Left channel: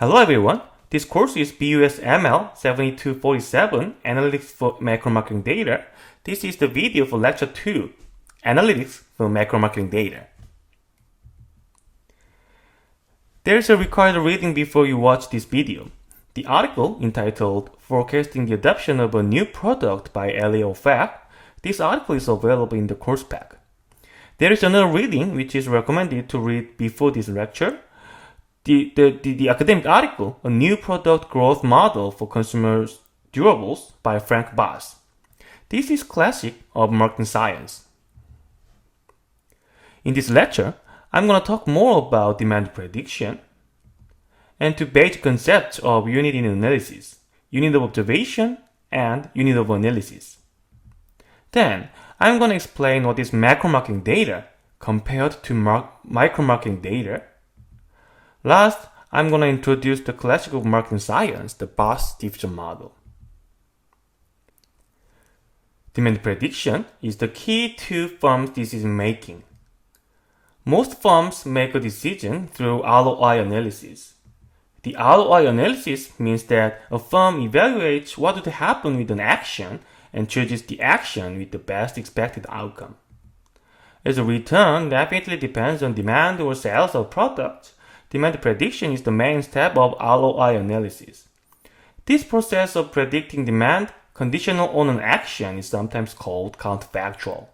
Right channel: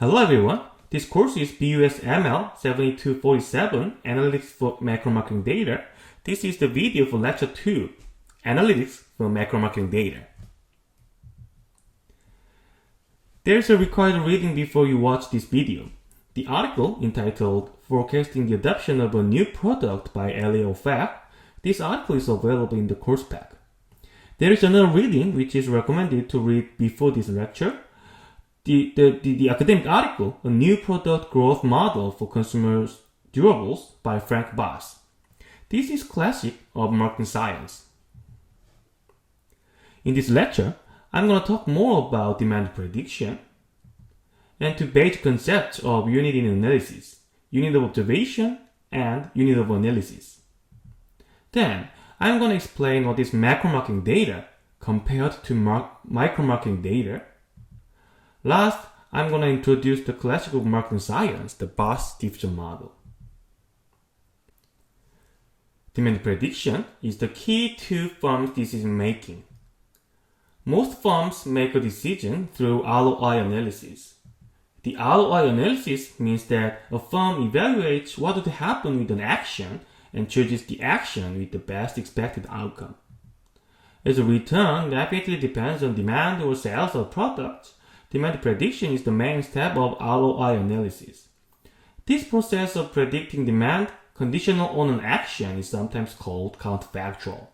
Hello everyone, this course is BUSML 7247 Analytics for Macro Marketing Data. This is the video for Lecture 2, Analytics for Macro Marketing Data. There is a required reading before you watch this video. The article entitled Forecasting the Adoption of a New Product by LN2. This article is available in the course pack. There is another reading which is recommended to read before this lecture. The academic article, A New Product Growth Model for Consumer Durables by Frank Bass. This is classic of marketing science. In this lecture, I'm going to talk more about demand prediction and two basic concepts of unit in analysis, unit of observation and unit of analysis. Then, I'm going to explain what is macro marketing data compared to micro marketing data. Last, I'm going to introduce the classical marketing science, the Bass division model. Demand prediction is the key to firms' decision making. Most firms make a decision through ROI analysis. The ROI analysis means that a firm evaluates what would happen with an action and chooses the action with the best expected outcome. As a return rapidly depends on demand or sales of products, demand prediction is the main step of ROI analysis. This process of predicting demand conditional on an action is sometimes called counterfactual.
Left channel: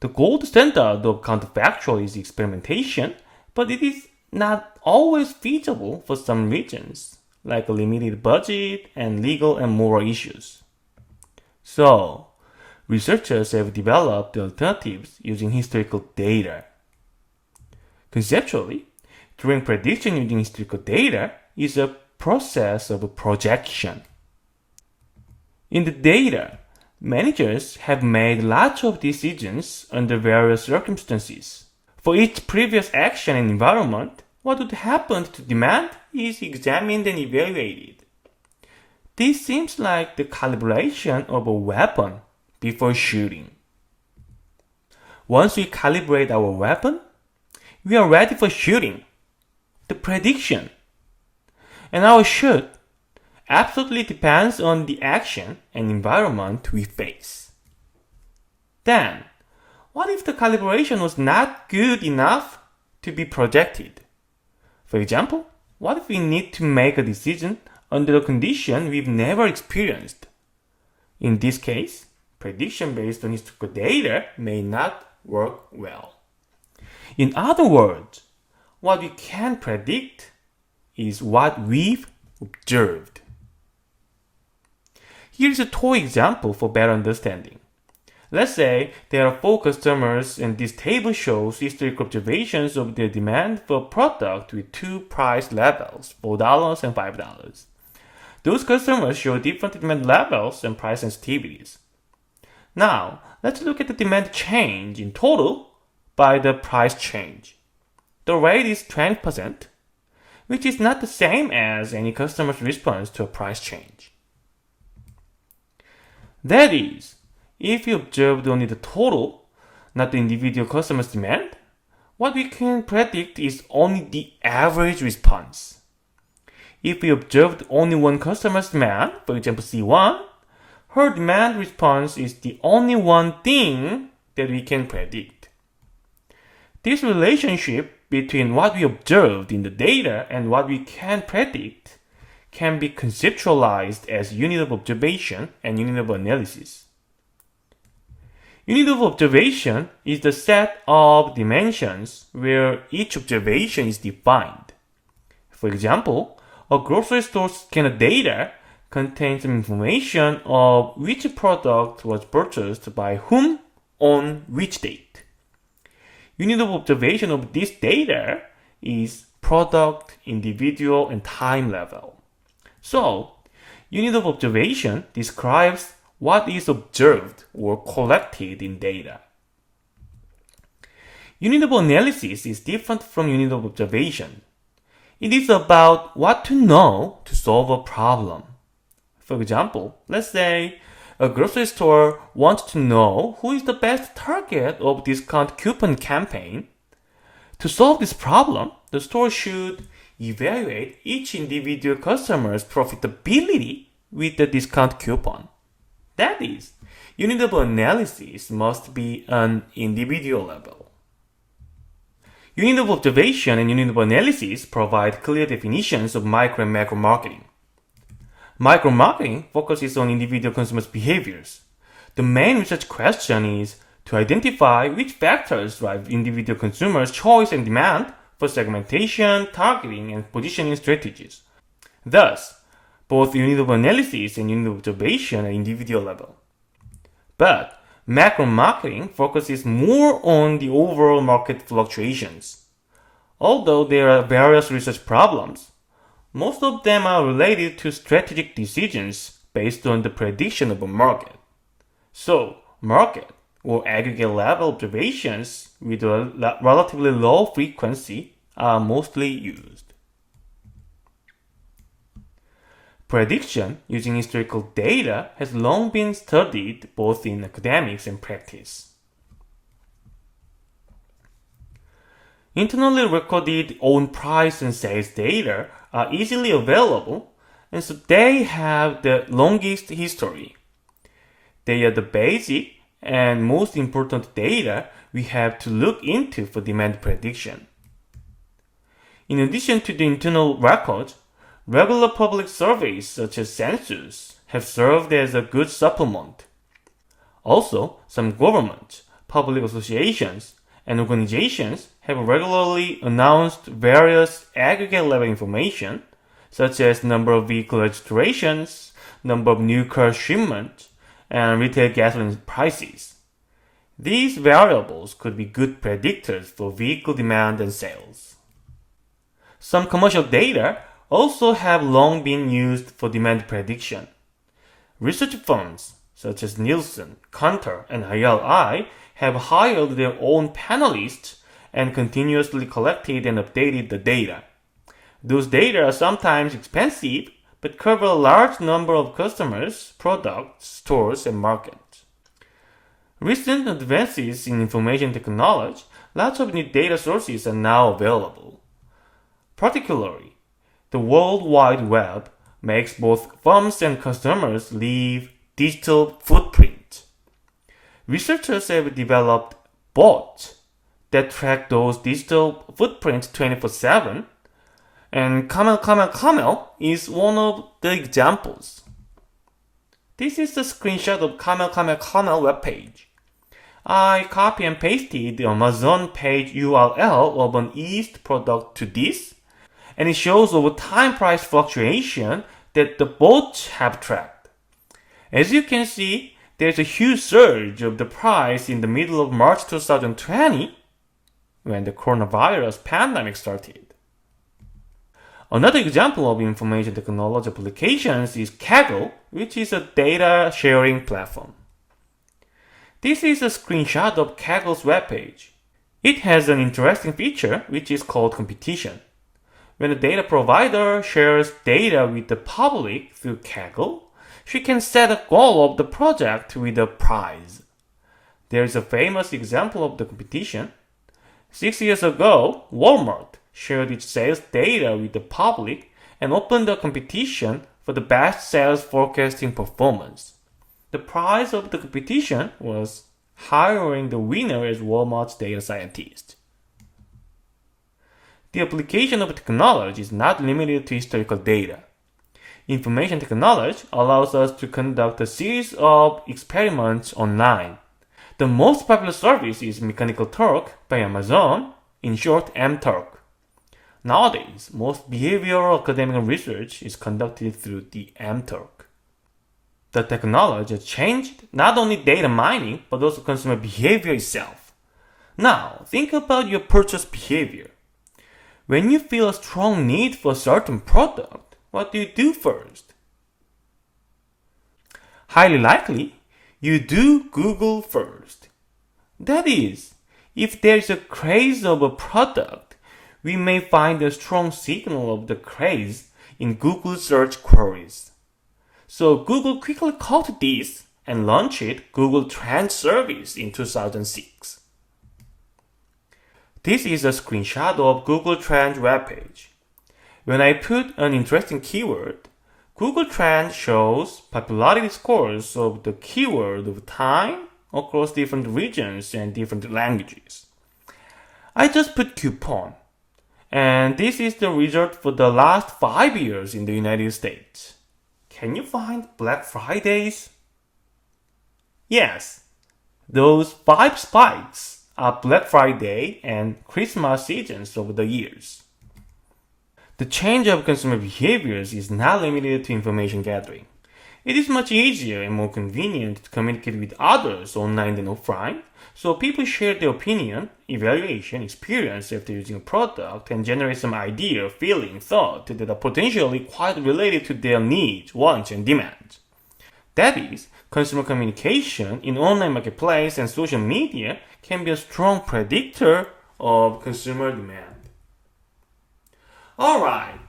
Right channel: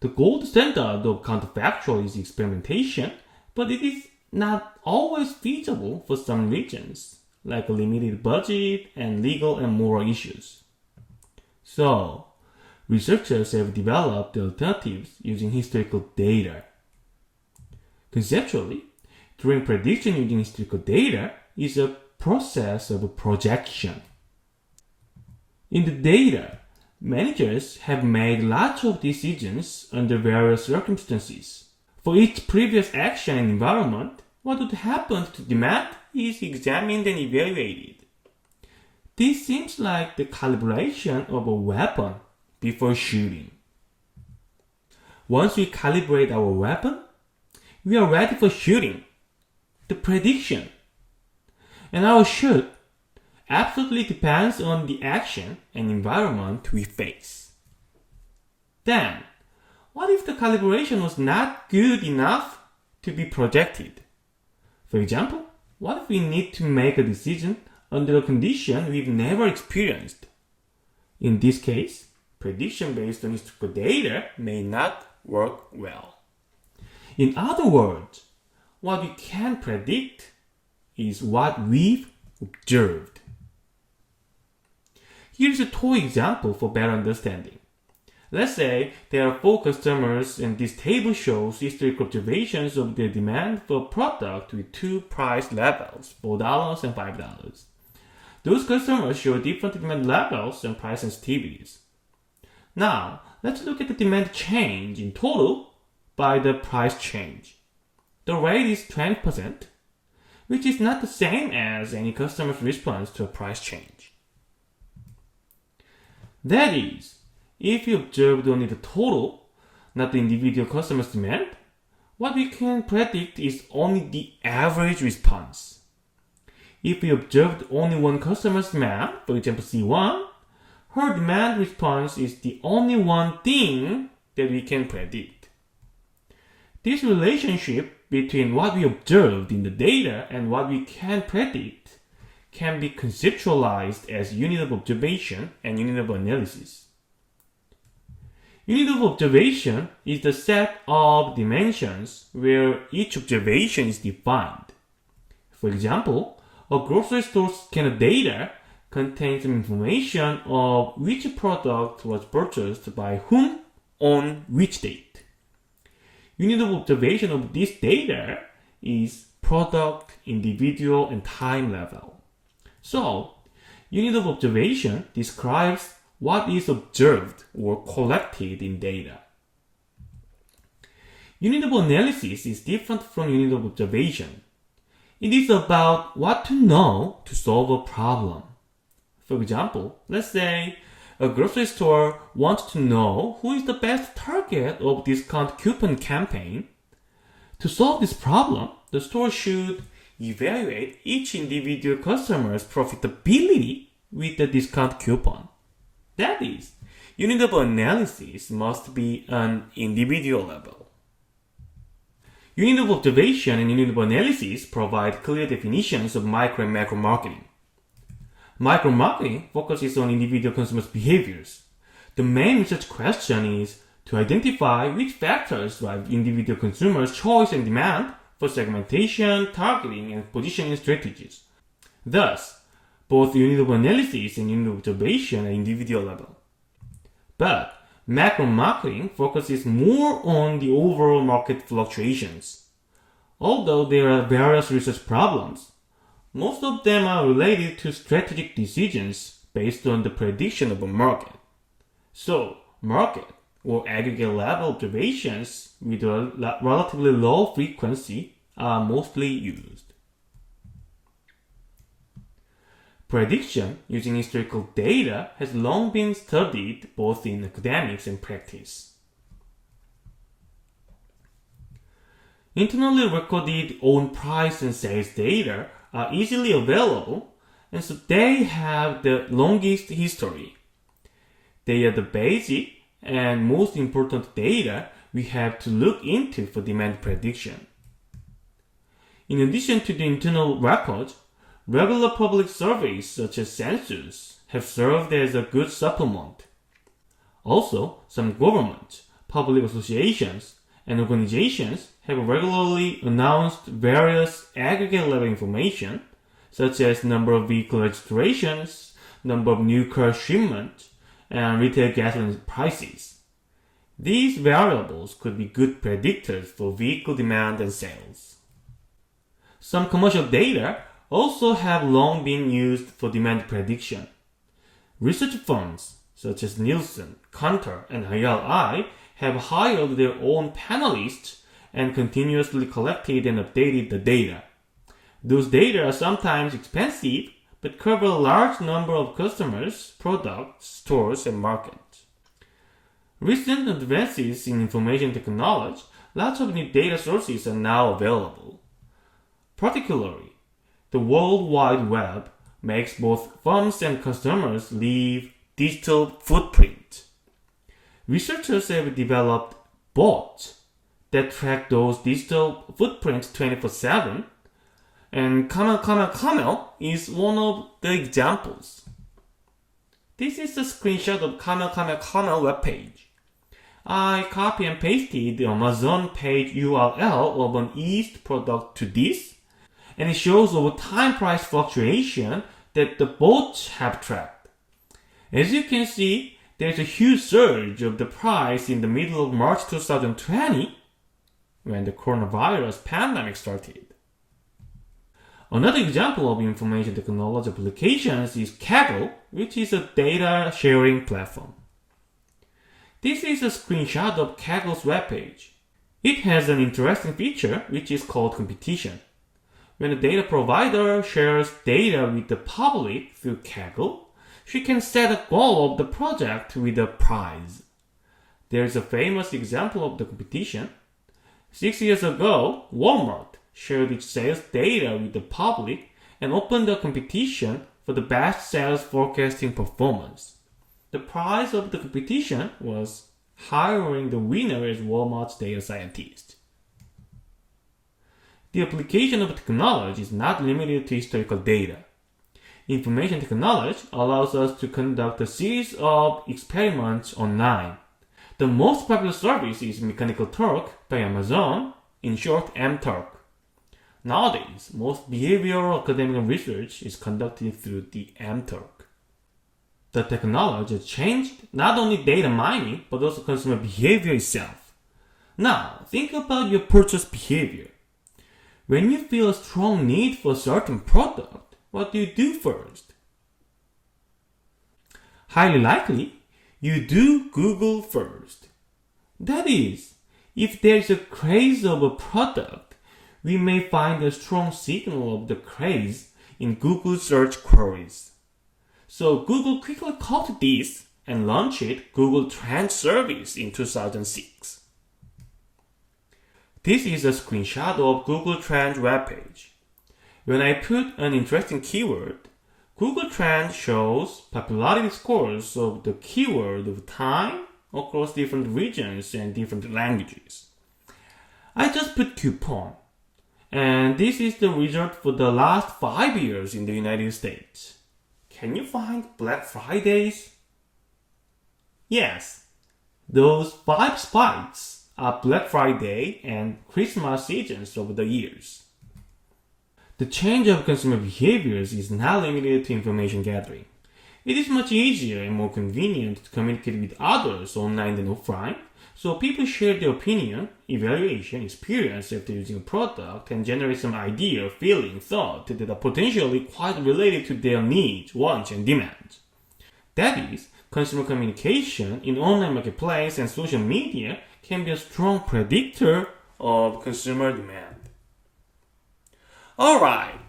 The gold standard of counterfactual is experimentation, but it is not always feasible for some regions, like a limited budget and legal and moral issues. So, researchers have developed alternatives using historical data. Conceptually, doing prediction using historical data is a process of projection. In the data, managers have made lots of decisions under various circumstances. For each previous action and environment, what would happen to demand is examined and evaluated. This seems like the calibration of a weapon before shooting. Once we calibrate our weapon, we are ready for shooting, the prediction. And our shoot absolutely depends on the action and environment we face. Then, what if the calibration was not good enough to be projected? For example, what if we need to make a decision under a condition we've never experienced? In this case, prediction based on historical data may not work well. In other words, what we can predict is what we've observed. Here's a toy example for better understanding. Let's say there are 4 customers and this table shows historical observations of their demand for a product with 2 price levels, $4 and $5. Those customers show different demand levels and price sensitivities. Now, let's look at the demand change in total by the price change. The rate is 20%, which is not the same as any customer's response to a price change. That is, if we observed only the total, not the individual customer's demand, what we can predict is only the average response. If we observed only one customer's demand, for example C1, her demand response is the only one thing that we can predict. This relationship between what we observed in the data and what we can predict can be conceptualized as unit of observation and unit of analysis. Unit of observation is the set of dimensions where each observation is defined. For example, a grocery store scanner data contains some information of which product was purchased by whom on which date. Unit of observation of this data is product, individual, and time level. So, unit of observation describes what is observed or collected in data. Unit of analysis is different from unit of observation. It is about what to know to solve a problem. For example, let's say a grocery store wants to know who is the best target of discount coupon campaign. To solve this problem, the store should evaluate each individual customer's profitability with the discount coupon. That is, unit of analysis must be an individual level. Unit of observation and unit of analysis provide clear definitions of micro and macro marketing. Micro marketing focuses on individual consumers' behaviors. The main research question is to identify which factors drive individual consumers' choice and demand for segmentation, targeting, and positioning strategies. Thus, both unit of analysis and unit of observation are individual level. But macro marketing focuses more on the overall market fluctuations. Although there are various research problems, most of them are related to strategic decisions based on the prediction of a market. So, market or aggregate level observations with a relatively low frequency are mostly used. Prediction using historical data has long been studied both in academics and practice. Internally recorded own price and sales data are easily available, and so they have the longest history. They are the basic and most important data we have to look into for demand prediction. In addition to the internal records, regular public surveys such as census have served as a good supplement. Also, some governments, public associations, and organizations have regularly announced various aggregate level information such as number of vehicle registrations, number of new car shipments, and retail gasoline prices. These variables could be good predictors for vehicle demand and sales. Some commercial data also have long been used for demand prediction. Research firms such as Nielsen, Kantar, and IRI have hired their own panelists and continuously collected and updated the data. Those data are sometimes expensive but cover a large number of customers, products, stores, and markets. Recent advances in information technology, lots of new data sources are now available. Particularly, the World Wide Web makes both firms and customers leave digital footprint. Researchers have developed bots that track those digital footprints 24/7, and Camel is one of the examples. This is a screenshot of Camel webpage. I copy and pasted the Amazon page URL of an East product to this, and it shows over time price fluctuation that the bots have tracked. As you can see, there's a huge surge of the price in the middle of March 2020 when the coronavirus pandemic started. Another example of information technology applications is Kaggle, which is a data sharing platform. This is a screenshot of Kaggle's webpage. It has an interesting feature which is called competition. When a data provider shares data with the public through Kaggle, she can set a goal of the project with a prize. There is a famous example of the competition. 6 years ago, Walmart shared its sales data with the public and opened a competition for the best sales forecasting performance. The prize of the competition was hiring the winner as Walmart's data scientist. The application of technology is not limited to historical data. Information technology allows us to conduct a series of experiments online. The most popular service is Mechanical Turk by Amazon, in short MTurk. Nowadays, most behavioral academic research is conducted through the MTurk. The technology has changed not only data mining, but also consumer behavior itself. Now, think about your purchase behavior. When you feel a strong need for a certain product, what do you do first? Highly likely, you do Google first. That is, if there is a craze of a product, we may find a strong signal of the craze in Google search queries. So Google quickly caught this and launched Google Trends service in 2006. This is a screenshot of Google Trends webpage. When I put an interesting keyword, Google Trends shows popularity scores of the keyword over time across different regions and different languages. I just put coupon, and this is the result for the last 5 years in the United States. Can you find Black Fridays? Yes, those 5 spikes are Black Friday and Christmas seasons over the years. The change of consumer behaviors is not limited to information gathering. It is much easier and more convenient to communicate with others online than offline, so people share their opinion, evaluation, experience after using a product and generate some idea, feeling, thought that are potentially quite related to their needs, wants, and demands. That is, consumer communication in online marketplace and social media can be a strong predictor of consumer demand. Alright,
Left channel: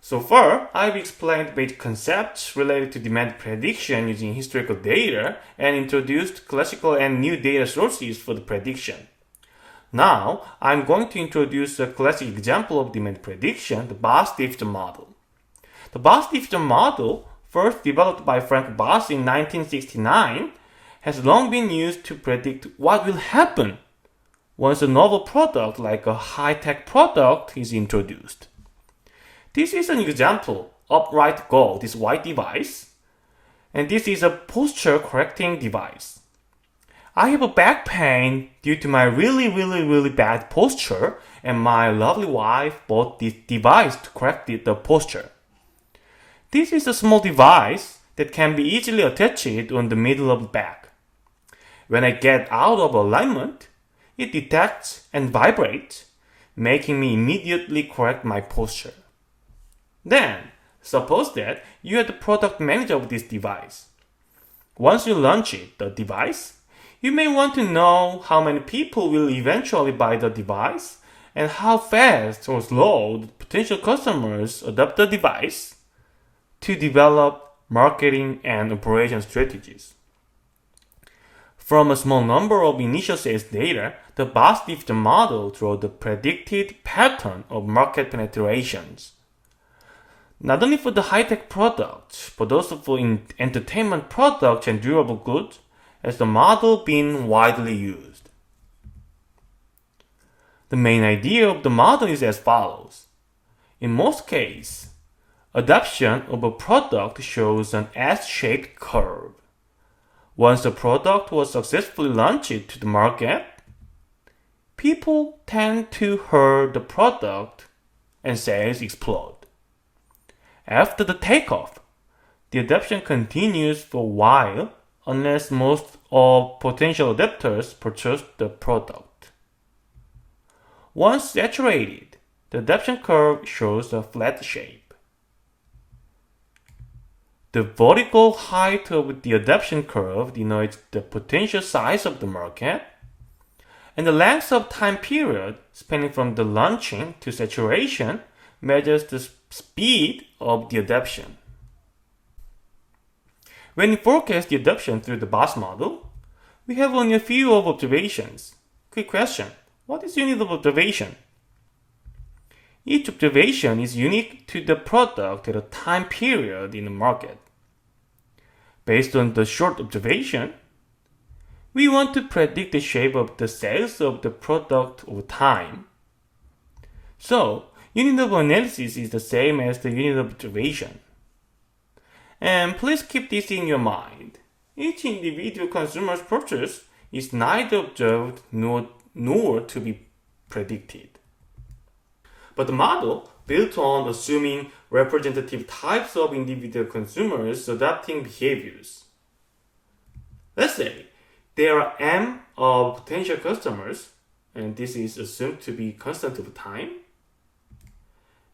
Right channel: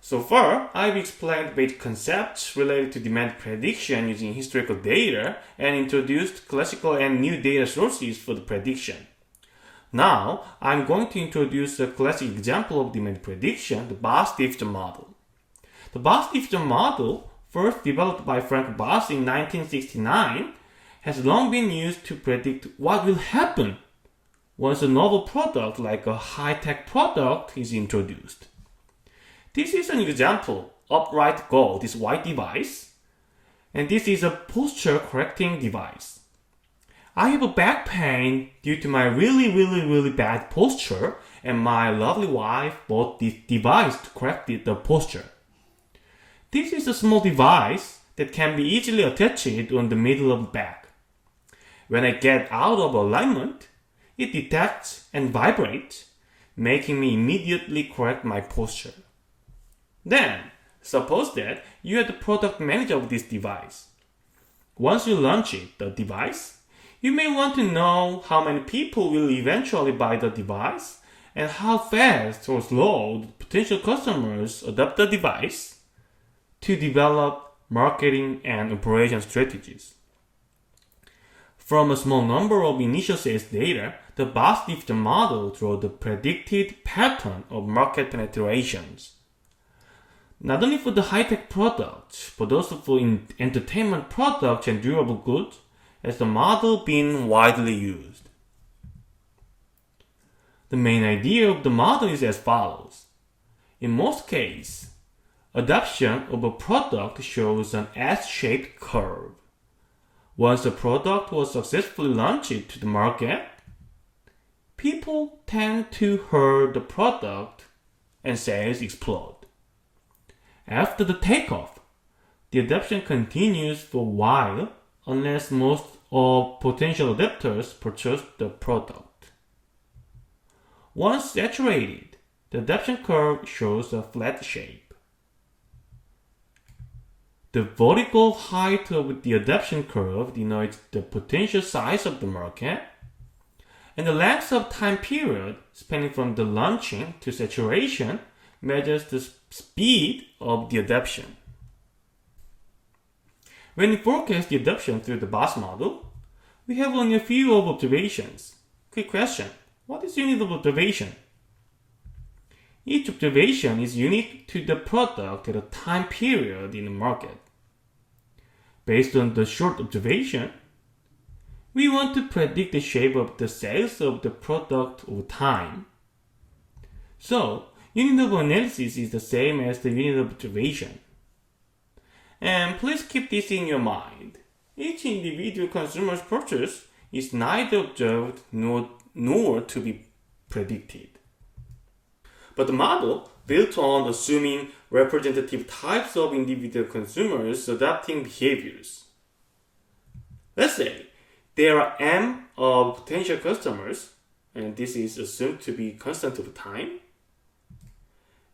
so far I've explained basic concepts related to demand prediction using historical data and introduced classical and new data sources for the prediction. Now I'm going to introduce a classic example of demand prediction, the Boss-Diffton model. The Boss-Diffton model, first developed by Frank Boss in 1969, has long been used to predict what will happen once a novel product like a high-tech product is introduced. This is an example, Upright Go, this white device, and this is a posture correcting device. I have a back pain due to my really bad posture, and my lovely wife bought this device to correct the posture. This is a small device that can be easily attached on the middle of the back. When I get out of alignment, it detects and vibrates, making me immediately correct my posture. Then, suppose that you are the product manager of this device. Once you launch the device, you may want to know how many people will eventually buy the device and how fast or slow the potential customers adopt the device to develop marketing and operation strategies. From a small number of initial sales data, the Boss-Diffton model draws the predicted pattern of market penetrations. Not only for the high-tech products, but also for entertainment products and durable goods, has the model been widely used. The main idea of the model is as follows. In most cases, adoption of a product shows an S-shaped curve. Once the product was successfully launched to the market, people tend to hear the product and sales explode. After the takeoff, the adoption continues for a while unless most of potential adopters purchase the product. Once saturated, the adoption curve shows a flat shape. The vertical height of the adoption curve denotes the potential size of the market, and the length of time period spanning from the launching to saturation measures the speed of the adoption. When we forecast the adoption through the Boss model, we have only a few of observations. Quick question, what is unit of observation? Each observation is unique to the product at a time period in the market. Based on the short observation, we want to predict the shape of the sales of the product over time. So, unit of analysis is the same as the unit of observation. And please keep this in your mind. Each individual consumer's purchase is neither observed nor to be predicted. But the model, built on assuming representative types of individual consumers adopting behaviors. Let's say there are M of potential customers, and this is assumed to be constant over time.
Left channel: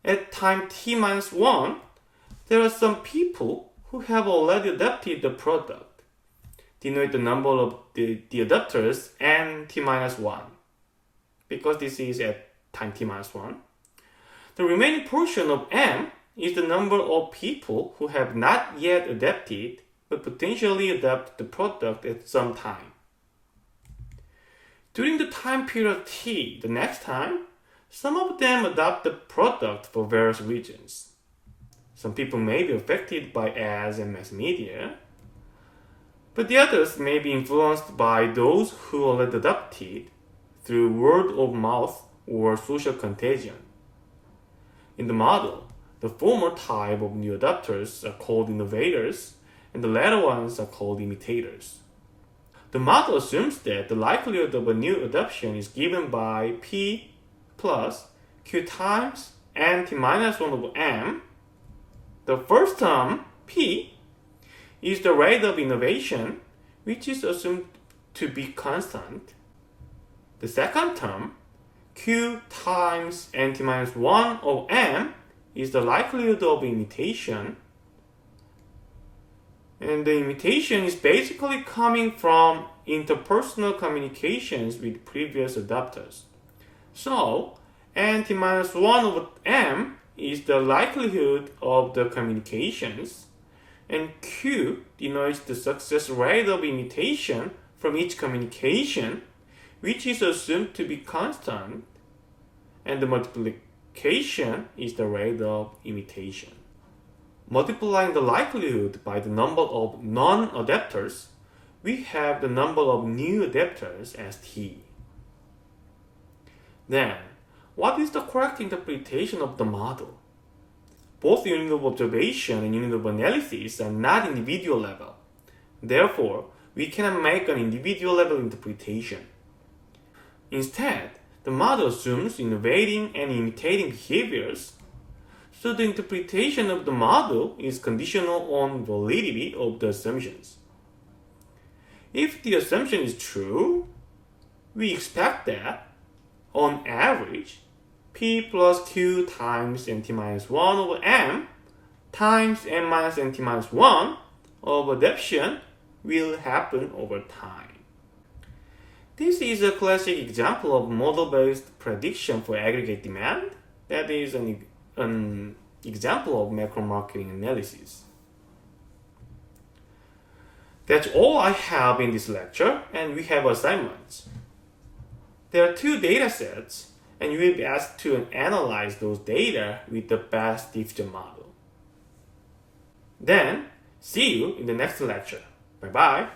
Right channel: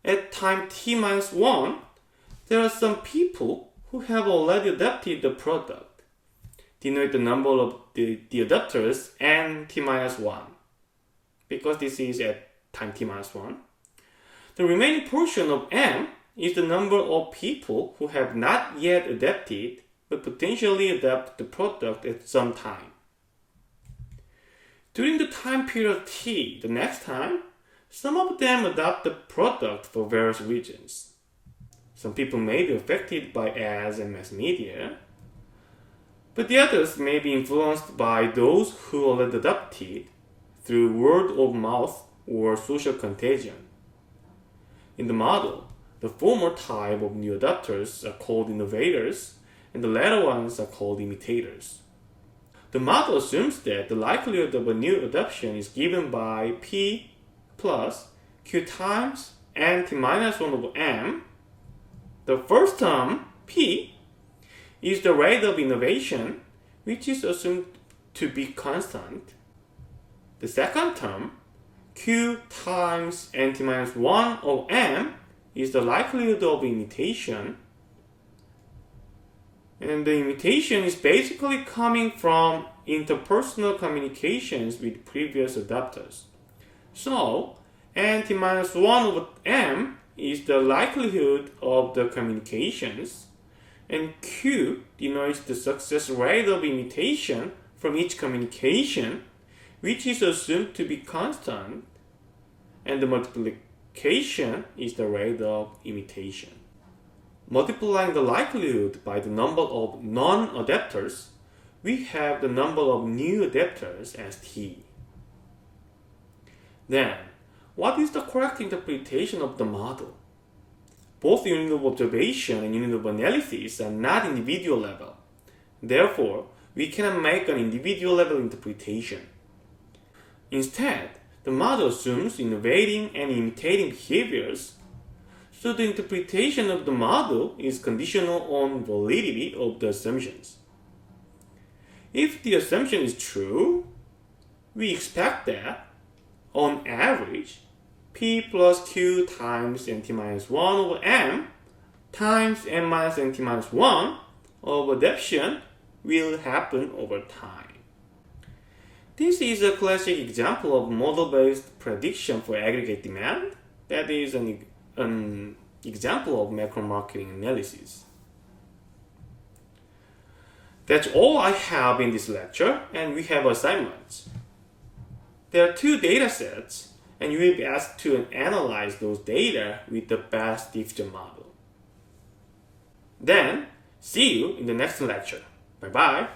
At time t-1, there are some people who have already adopted the product. Denote the number of the adopters n t-1, because this is at time t-1. The remaining portion of m is the number of people who have not yet adopted but potentially adopt the product at some time. During the time period t, the next time, Some of them adopt the product for various reasons. Some people may be affected by ads and mass media, but the others may be influenced by those who already adopted through word of mouth or social contagion. In the model, the former type of new adopters are called innovators, and the latter ones are called imitators. The model assumes that the likelihood of a new adoption is given by P plus Q times n t minus 1 over m. The first term, P, is the rate of innovation, which is assumed to be constant. The second term, Q times n t minus 1 over m, is the likelihood of imitation. And the imitation is basically coming from interpersonal communications with previous adopters. So, n t minus 1 over m is the likelihood of the communications, and Q denotes the success rate of imitation from each communication, which is assumed to be constant, and the multiplication is the rate of imitation. Multiplying the likelihood by the number of non-adapters, we have the number of new adapters as T. Then, what is the correct interpretation of the model? Both unit of observation and unit of analysis are not individual level. Therefore, we cannot make an individual level interpretation. Instead, the model assumes innovating and imitating behaviors, so the interpretation of the model is conditional on validity of the assumptions. If the assumption is true, we expect that, on average, P plus Q times nt minus 1 over m times n minus nt minus 1 of adaptation will happen over time. This is a classic example of model-based prediction for aggregate demand. That is an example of macro marketing analysis. That's all I have in this lecture, and we have assignments. There are 2 data sets, and you will be asked to analyze those data with the best diffusion model. Then, see you in the next lecture. Bye-bye.